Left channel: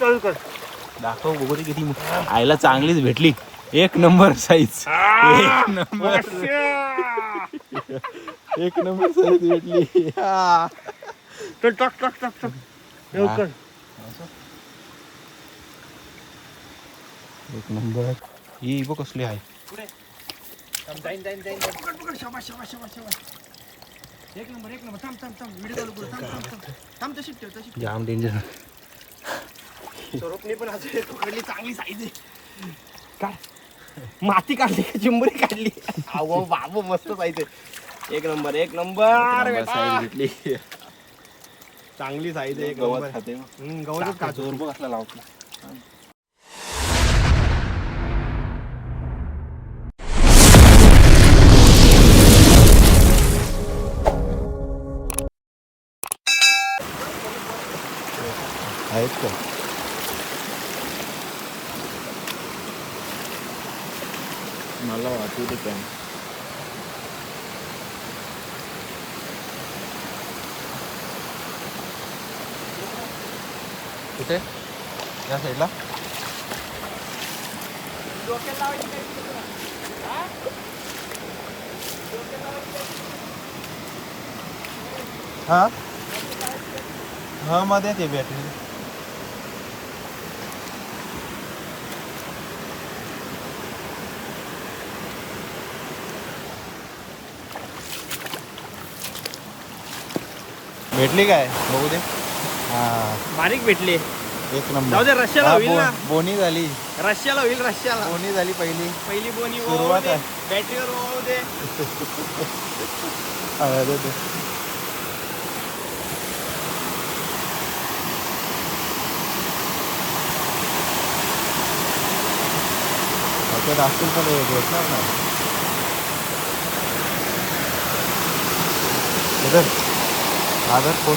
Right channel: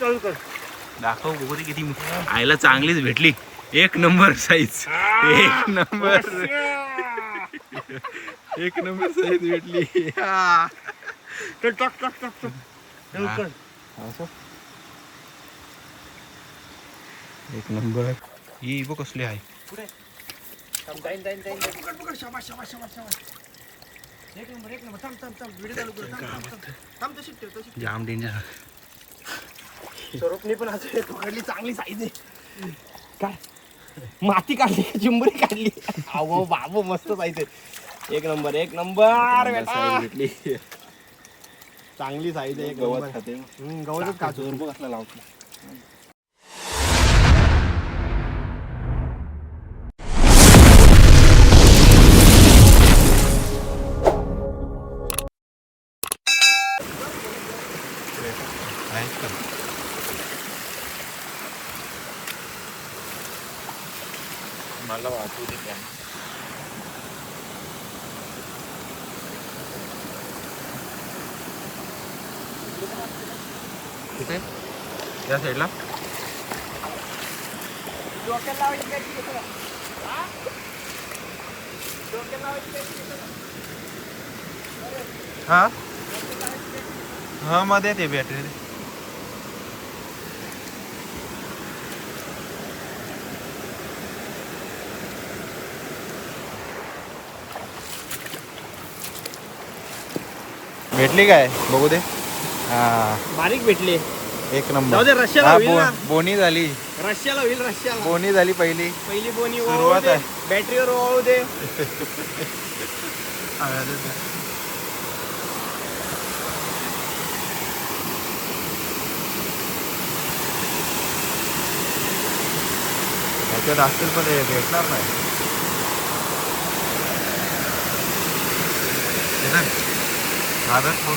चालू कर. दाखव बघू ते किती आईला चांगलीच भेटली. एक नंबर साईज. एक नंबर. एक नंबर साईज भेटली. चल टाक टाक टाक टाक. लवकर. एक नंबर. ही बघ कसली आहे. जाईन जाईन जाईन. शाबास शाबास शाबास शाबास. एक नंबर एक नंबर. थांब थांब थांब. व्हिडिओ चालू कर. थांब तशी ठेव तशी. जाम डेंजर. स्वरूपने पण असे पकडली चांगली साईज आहे. काय माती काढली का चिंबरी काढली. अहो बाबू मस्त साईज आहे. एक नंबर एक नंबर साईज भेटली. चांगली साईज आहे. गवत खाते. गवतच खातो. बघ असला लावतो. मला वाचू दे कॅन. कुठे या साईडला. हा हा मध्ये ते बॅटरी. भेटली काय बघू दे. हा बारीक भेटले. एक नंबर. जाऊ दे रशियाला होईल ना. बोनी झाली. रशियाला होईल रशियाला. बोनी झाली पहिली. पहिली बोनी सुरुवात आहे. बॅटरीवर वाहू दे. त्याच्यात असतील पण भेटणार नाही. आदत फोन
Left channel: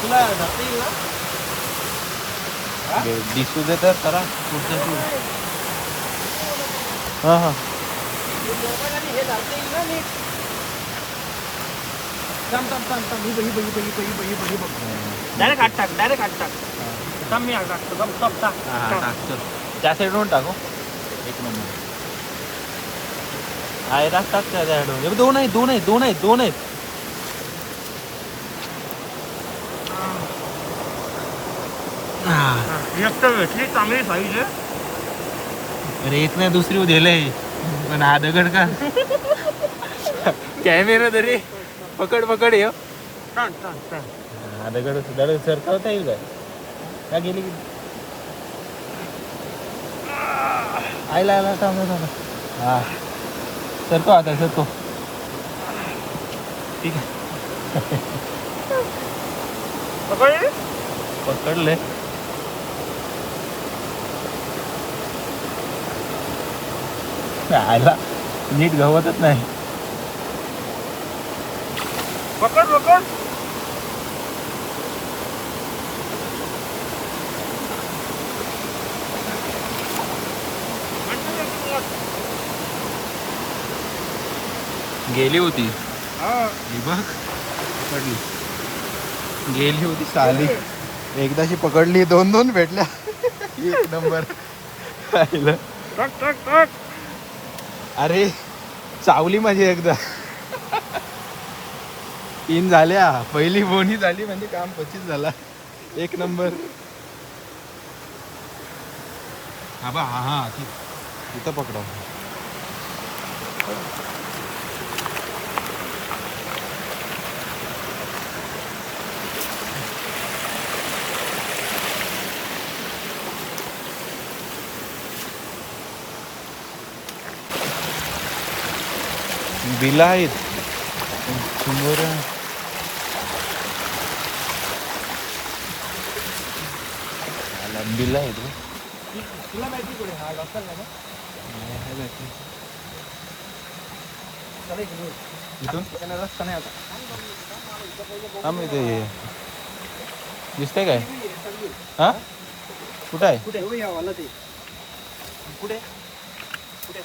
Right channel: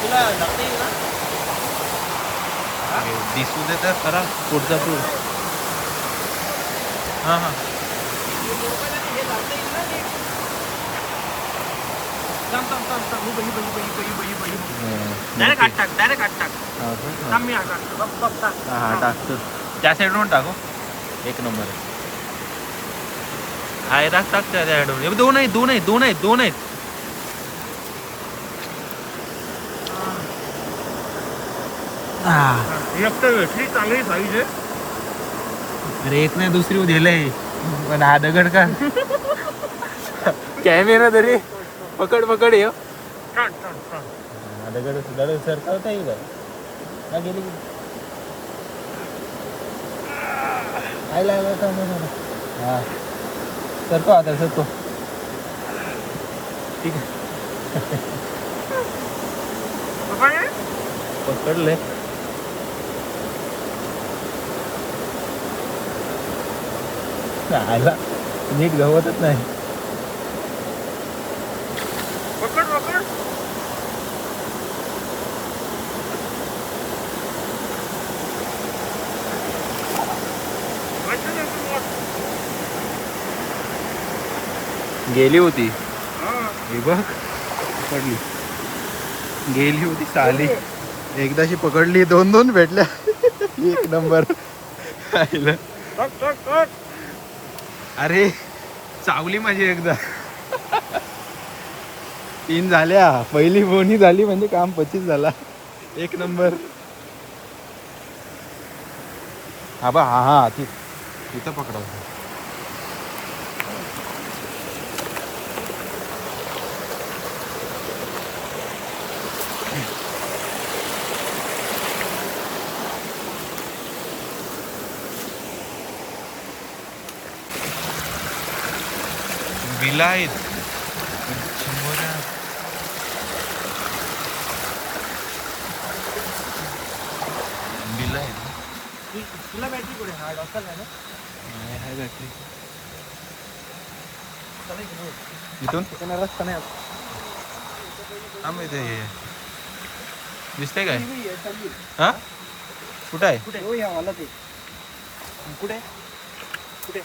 तुला जाता येईल ना. दिसू दे तर खरा पुढचा टूर. हां हां हे जाता येईल ना नीट. डायरेक्ट आठ टाक. डायरेक्ट आठ टाक. थांब मी आठ टाकतो. हां टाकतो. त्या साईडवरून टाकू. एक नंबर. हा टाक टाक त्या साईडवरून. दोन आहेत दोन आहेत दोन आहेत दोन आहेत. एक तर भेटली चांगली साईज आहे. अरे एक नाही दुसरी दिलंय पण हा दगड का. कॅमेरा तरी पकड पकड ये. दगड दगड सरकवता येईल काय गेली की. आयला आयला थांब थांब. हा सरको आता सरको. ठीक आहे. पकडले. पकडले. आयला नीट गवतच नाही. पकड पकड. गेली होती. ही बघ पकडली. गेली होती चांगली. एकदाशी पकडली. दोन दोन भेटल्या. एक नंबर. अरे चावली माझी एकदा. 3 झाल्या. पहिली बोनी झाली म्हणजे काम 25 झाला. एक नंबर. हा बा हा हा तू तिथं पकडा. बिला आहेत 100. बिला आहेत. तुला बॅटरी कुठे. हा डॉक्टर नाही ना. आहे बॅटरी. इथून रस्ता नाही आता. आम्ही ते दिसतंय काय. हा कुठं आहे. कुठे हो या वाला ते. कुठे कुठे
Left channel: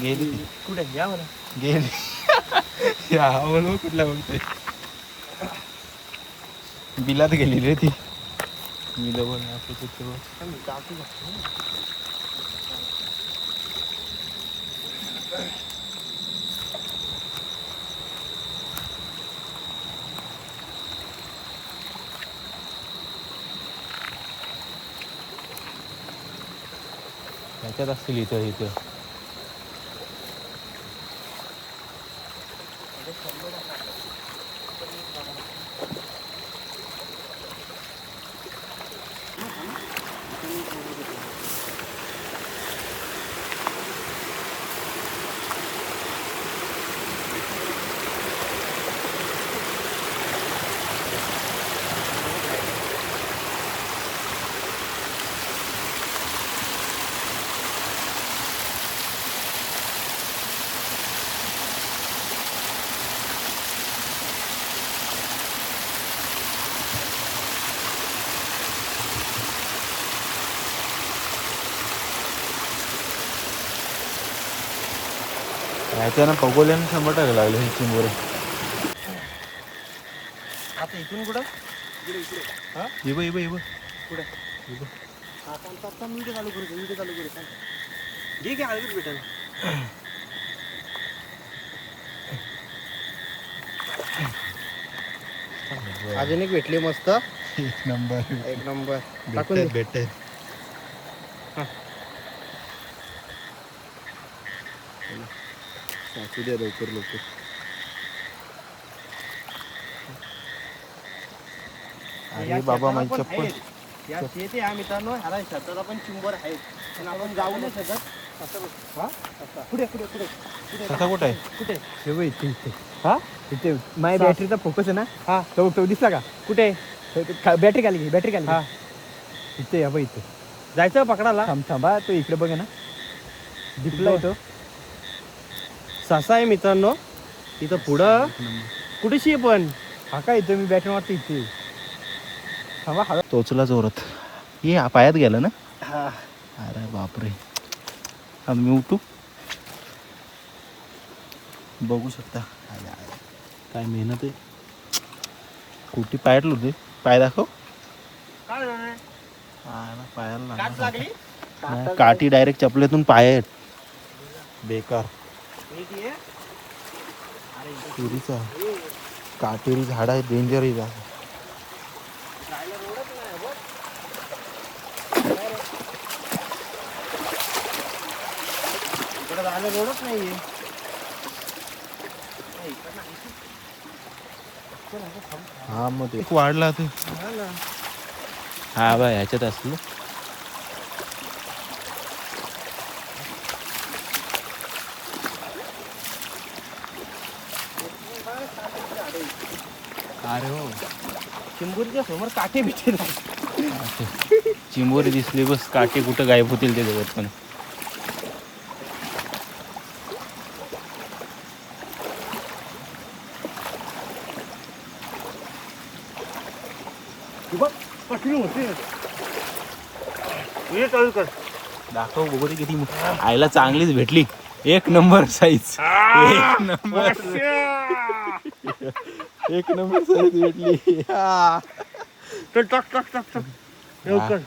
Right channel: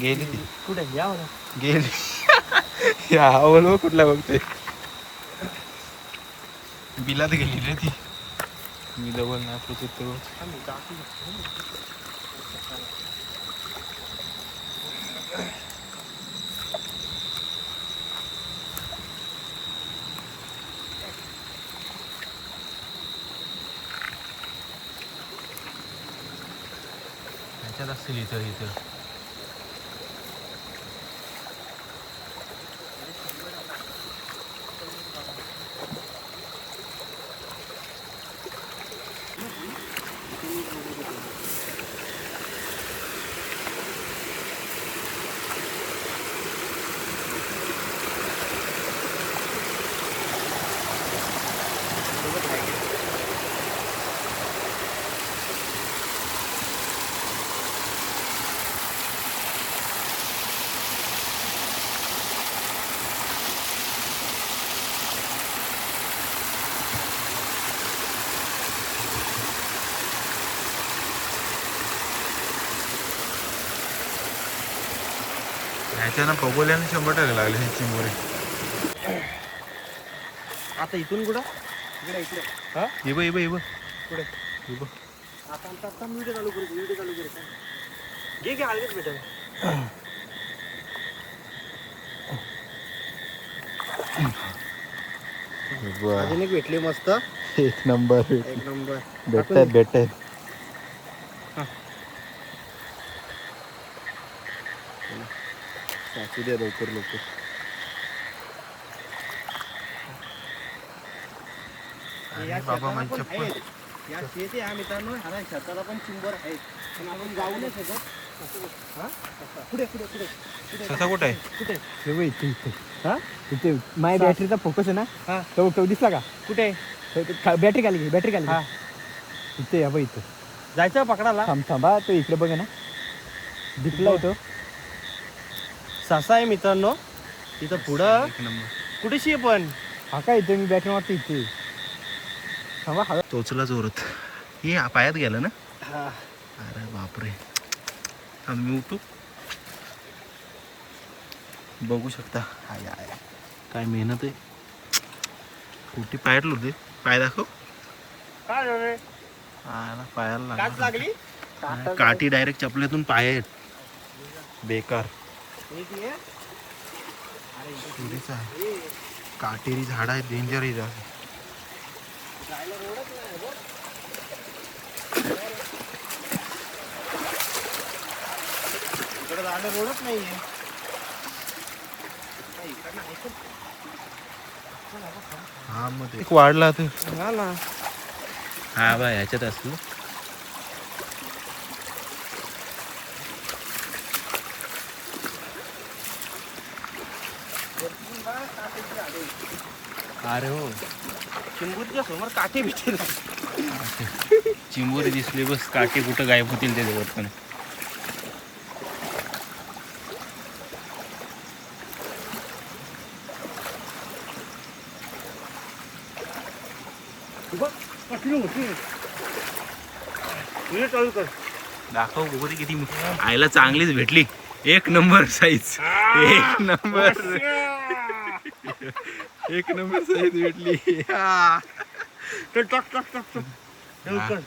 गेली ती कुठे या म्हणा. गेली या बोल कुठला बघते बिलात गेली रे ती मी डबल नाही तो ह्याच्यात असतील इथं इथं ह्याच्यानं खगोल्यानं 100% लागले हे चिंबोरे आता इथून कुठं इकडे इकडे हा इब इब इब कुठे इब आता आता व्हिडिओ चालू करू घे घे आलेच भेटेल. अजून एक भेटली मस्त एक नंबर एक नंबर भेटत सासू द्या लवकर लवकर अरे बाबा माझी चप्पल या शेत या मित्रांनो ह्याला शेताला पण चिंबर आहेत पण आपण जाऊ नाही शकत. हा पुढे पुढे पुढे कसा कुठे आहे कुठे हे बघ इथे इथे हा इथे माझ्या बॅटरीचा फोकस आहे ना हा तो दिसला का कुठे बॅटरी खाली बॅटरी खाली हा इथे या बघ इथे जायचं पकडाला थांबा तो इकडे बघ ना दिसला तो ससा आहे मित्रांनो तिथं पुढं एक नंबर कुठेशी आहे पण हा काय इथे मी बॅटरी मारतो इथे थांबा हा टोचला जोरात हे पायात गेलं ना हा अरे बापरे आम्ही उठू बघू शकता आय आय काय मेहनत आहे कुठे पायात होते पाय दाखव काय झालं ना पायाला काच लागली लागला काठी डायरेक्ट चपलेतून पाय आहेत बेकार नीट ये. सुरीचा काटेरी झाड आहे डेंजर आहे झाड जायला रोडच नाही बघ. इकडे जायला रोडच नाहीये. नाही, इकडनं आहे का? हा मग ते वाढला ते ना ना. हा बा ह्याच्यात असलो अरे हो चिंबूरच्या समोर काठी भेटेल. चिंबोरी दिसली बस काटे कुठं गायब होतील त्याच्यावर पण बघ कठीण होते. हे चालू कर. दाखव बघू दे किती आईला चांगलीच भेटली एक नंबर साईज एक नंबर एक नंबर साईज भेटली हा. चल टाक टाक टाक टाक. लवकर.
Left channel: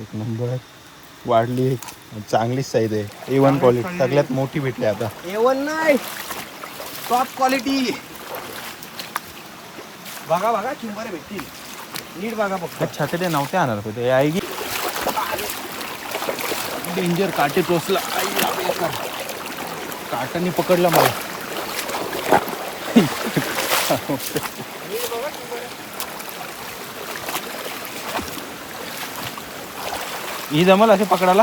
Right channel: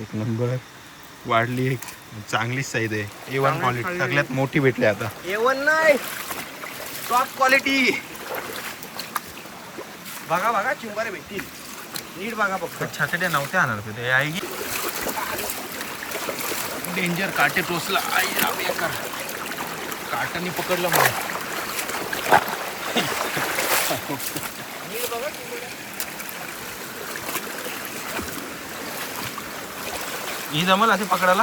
एक नंबर वाढली एक चांगलीच साईज आहे A1 क्वालिटी सगळ्यात मोठी भेटली आता A1 नाही टॉप क्वालिटी. बघा बघा चिंबारे भेटतील नीट बघा फक्त. छातडे नव्हत्या आणणार पाहिजे आई डेंजर काटे टोचला काटाने पकडला मला ही जमल असे पकडायला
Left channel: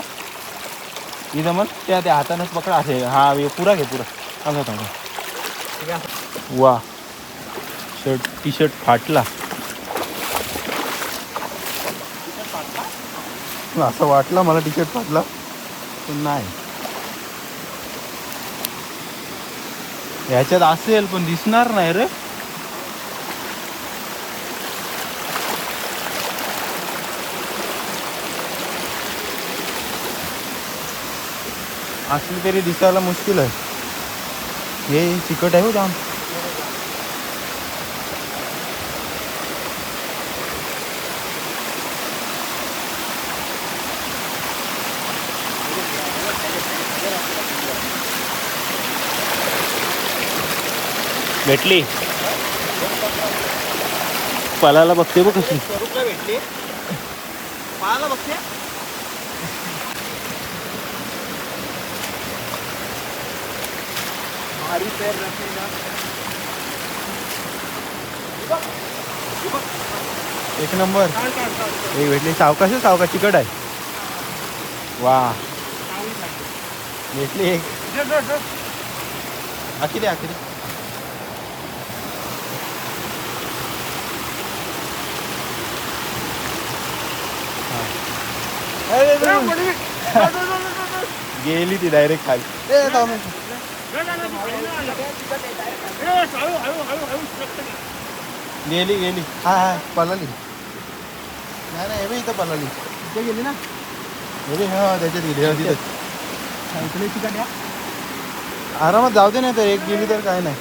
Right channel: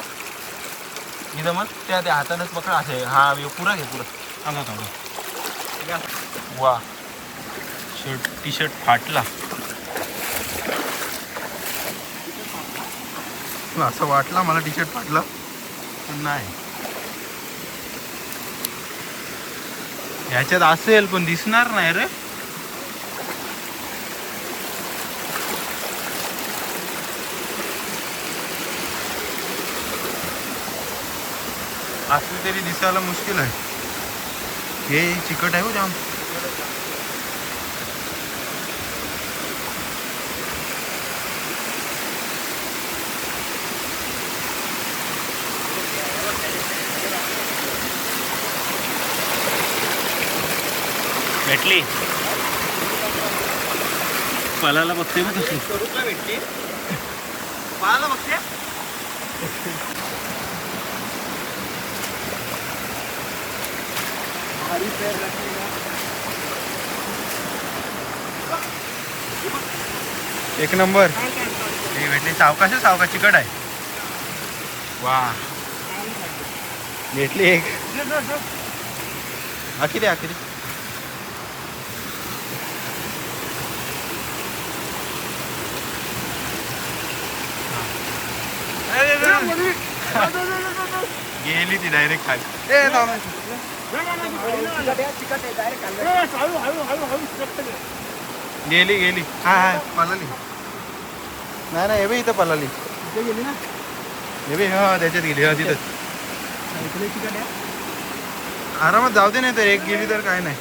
ही जमल त्या त्या हातानेच पकडा असे हा पुरा घे पुरा सांगा सांगा वा शर्ट टी शर्ट फाटला असं वाटलं मला टी शर्ट फाटला पण नाही ह्याच्यात असेल पण दिसणार नाही रे असली तरी दिसायला मुश्किल आहे. हे चिकट आहे हो जाम. भेटली. पलाला बघते बघ कशी. भेटली पाहायला बघते. भारी पैर रखेगा. एक नंबर. हे भेटली. सावकाश आहे, सावकाश चिकट आहे. वा भेटली एक. आखिरी आखिरी. गेली ती डायरेक्ट खाली. गेली गेली. हा हा पळाली. नाही नाही हे बी इथं पळाली. गेली ना हे बी हा त्याच्यात गेली. हा तिथंच आरामात जाऊ दे. नाही तर एक गेली तर काय नाही.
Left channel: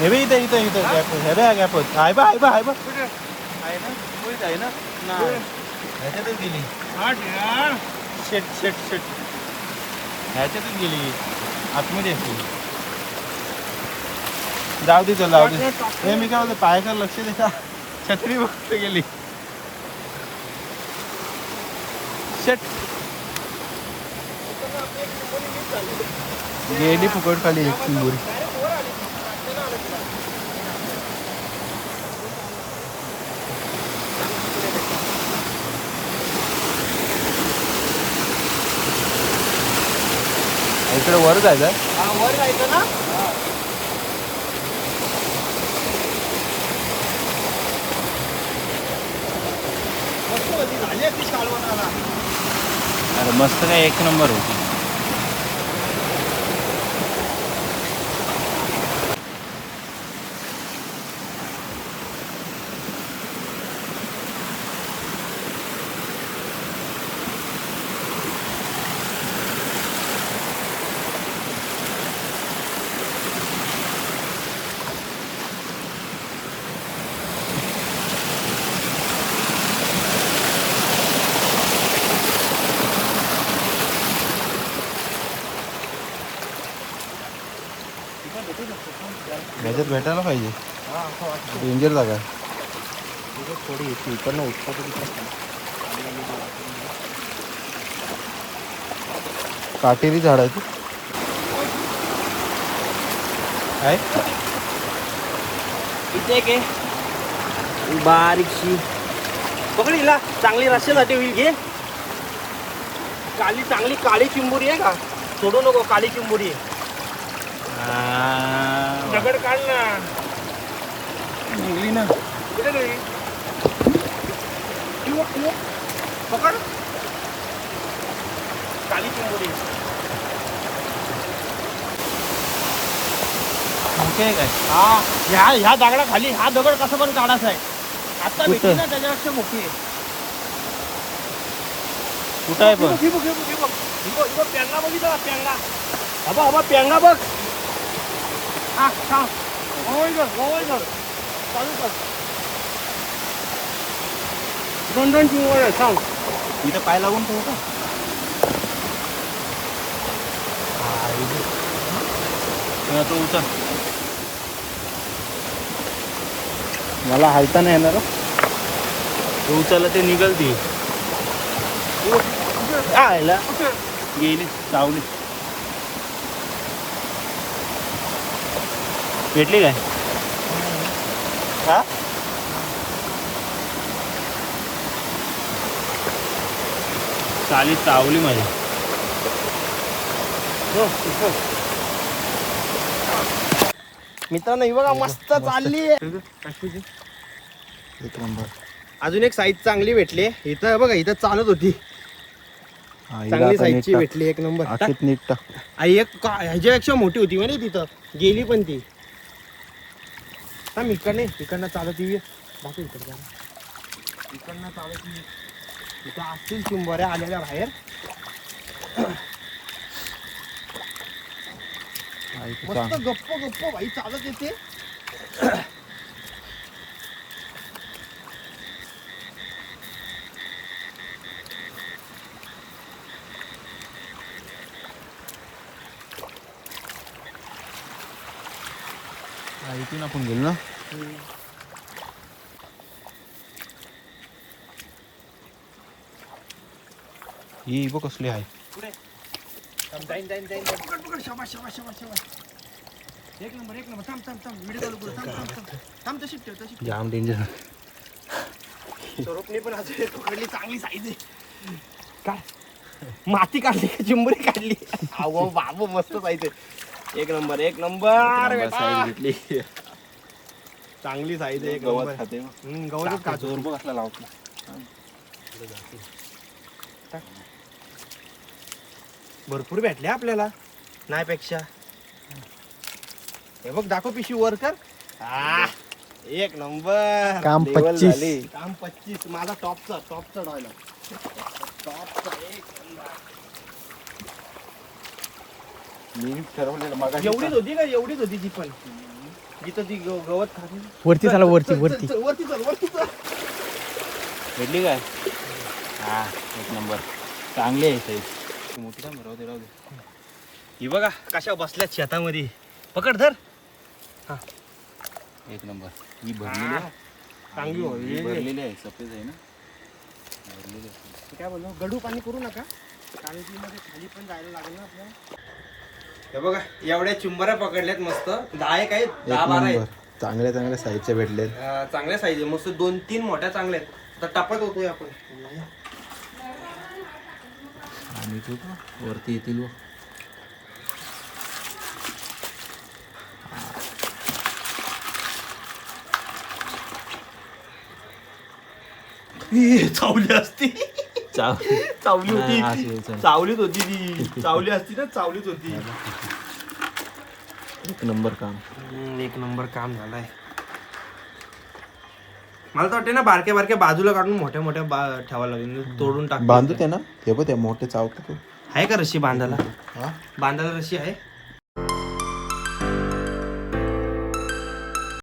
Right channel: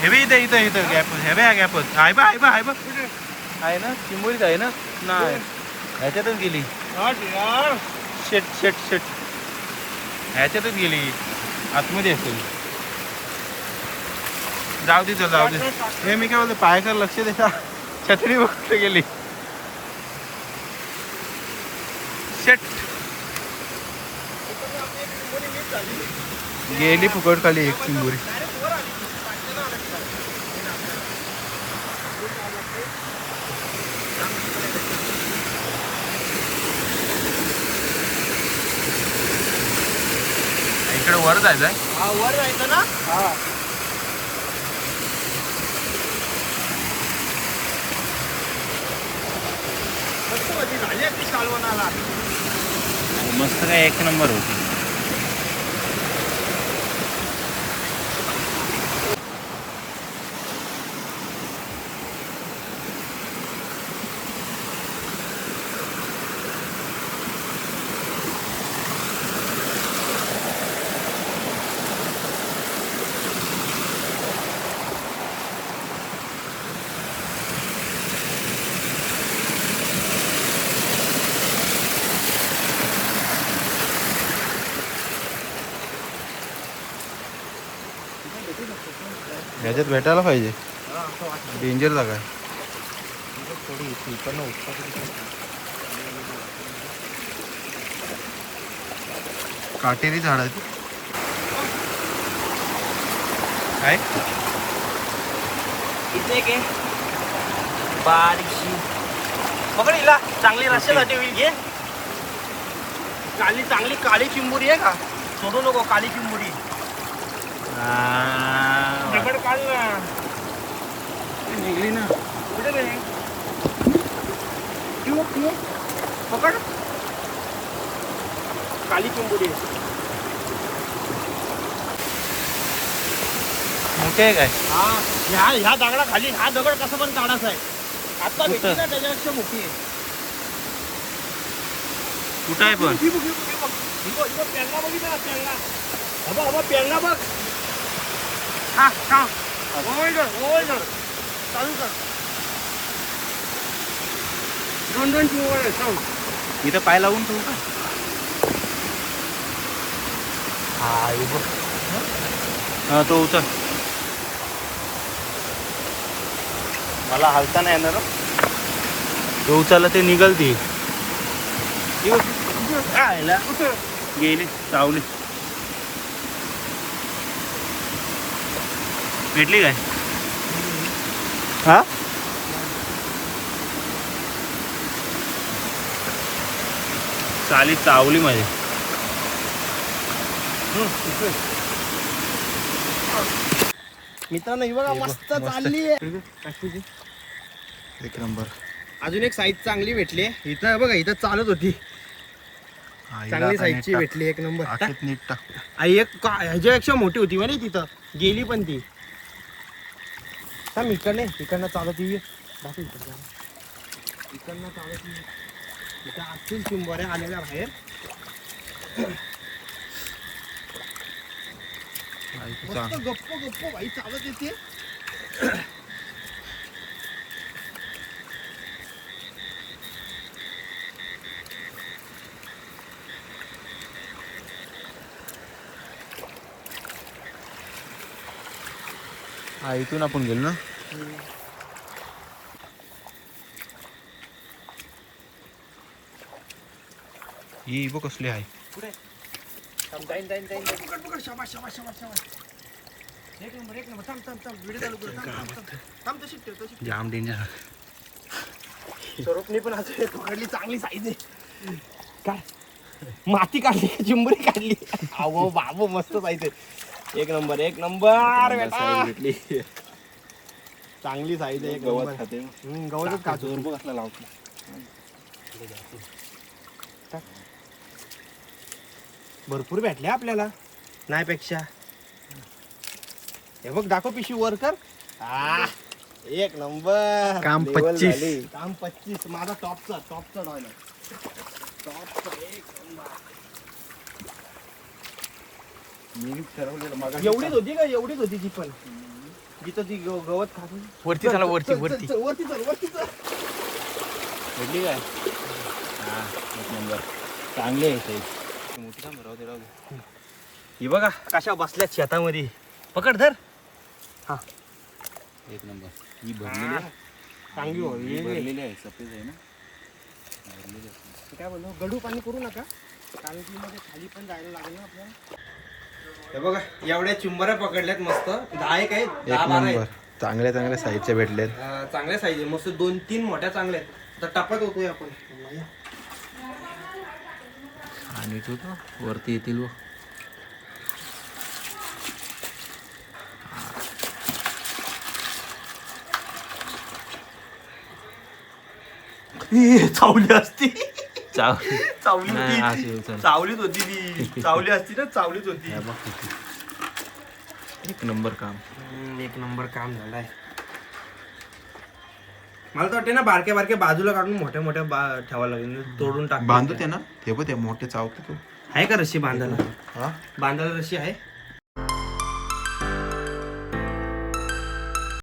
हे बी इथं इथं इथं गॅप. हे बी हा गॅपच आहे बा. आहे बा. आहे बा. आहे ना चिंबोरीच आहे ना. नाही ह्याच्यातच गेली. शेट शेट शेट ह्याच्यातच गेली. आतमध्ये असेल. जाऊ दे चल जाऊ दे. हे मी काय बोलतो पायाकडे लक्ष दे. छत्री बघत गेली. शेट गेली फुकट खाली एक चिंबोरी. इकडे वर जायचं आहे. वर जायचं ना. मस्त भाजी झाली ती कालवणाला. मस्त काय एक नंबर होती. ह्याच्यात भेटायला पाहिजे. डेंजर जागा आहे. काटेरी झाड आहे. काय इथे एक आहे बारीकशी. पकड हिला. चांगली रस्त्यासाठी होईल घे. चांगली काळी चिंबोरी आहे का. सोडू नको. काळी चिंबोरी आहे. दगड काढ ना. निघली ना. कुठे गेली? पकड. काळी चिंबोरी आहे. मोठे आहे काय. हा ह्या दगडाखाली हा दगड कसं पण काढायचा आहे. आता भेटली ना त्याच्यापेक्षा मोठी आहे. कुठं आहे पण. पेंगा बघितला. पेंगा हबा हबा पेंगा बघ. हा सांग. चालू कर. दोन चिंबोऱ्या सांग. इथं पाय लावून ठेवू का. हा तो उचल. मला हालता नाही येणार. तो उचलला ते निघल ती. गेली चावली. भेटली काय. हा चाली चावली माझी. मित्रांनो ही बघा मस्त चालली आहे. एक नंबर. अजून एक साईज चांगली भेटली. इथं बघा इथं चालत होती. चांगली साईजची भेटली. एक नंबर. नीट एक ह्याच्यापेक्षा मोठी होती म्हणे तिथं. गेली पण ती. हा इकडनं चालत येऊ. बाकी इकडनं चालत येऊ. इथे असतील चिंबोऱ्या आलेल्या बाहेर. मस्त गप्प गप्प भाई चालत येते. हा इथून आपण गेलो ना. ही बघ कसली आहे. पुढे जाईन जाईन जाईन जाईन. पकड पकड. शाबास शाबास शाबास शाबास. एक नंबर एक नंबर. थांब थांब थांब. व्हिडिओ चालू कर. थांब थांब थांब. थांब तशी ठेव तशी ठेव. जाम डेंजर. स्वरूपने पण आज पकडली चांगली साईज आहे. काय माती काढली का चिंबुरी काढली. अहो बाबू मस्त साईज आहे. एक नंबर एक नंबर. साईज भेटली. चांगली साईज आहे. गवत गवत खाते. गवतच खातो. जोर बघ असला लावतो. भरपूर भेटले आपल्याला नाही पेक्षा. हे बघ दाखव पिशवी वर कर. एक नंबर. काम Level 25. झाली. काम 25. माझा टॉपचा डॉयला टॉपचा एक नंबर. मी ठरवलेलं मग एवढीच होती का? एवढीच होती ती पण जिथं ती गवत खाते. वरती चला वरती चल, चल, वरती. चल, वरती चल वरती चल. भेटली काय. हा एक नंबर. चांगली आहे साईज. मोठी काय राहू दे राहू दे. ही बघा कशा बसल्यात शेतामध्ये. पकड धर. एक नंबर. ही भरलेली आहे. चांगली ही होईल. भरलेली आहे. सफेद आहे ना. भरलेली आहे. ते काय बोललो गडू पाणी करू नका कारण की मध्ये खाली पण जायला लागेल ना आपल्याला. हे बघा एवढ्या चिंबऱ्या पकडल्यात मस्त. 10 एक आहेत 10-12 आहेत. चांगल्या चांगल्या साईजचे भेटले. चांगल्या साईज आहे मस्त. 2-3 मोठ्या चांगल्या आहेत. आता टपत होतोय आपण. आणि तू वरती येतील व चावली असती. चावली चावली नाही, होती अशी चल. चावलीच होती ती. चावली असती ना चावलीच होती. एक नंबर काम. एक नंबर काम झालाय. मला तर वाटते ना बारक्या बारक्या बाजूला काढून मोठ्या मोठ्या ठेवायला लागेल. तोडून टाक. बांधू ते ना. ते पण ते मोठे चावतो. आहे का रशी बांधायला. हा बांधायला रशी आहे.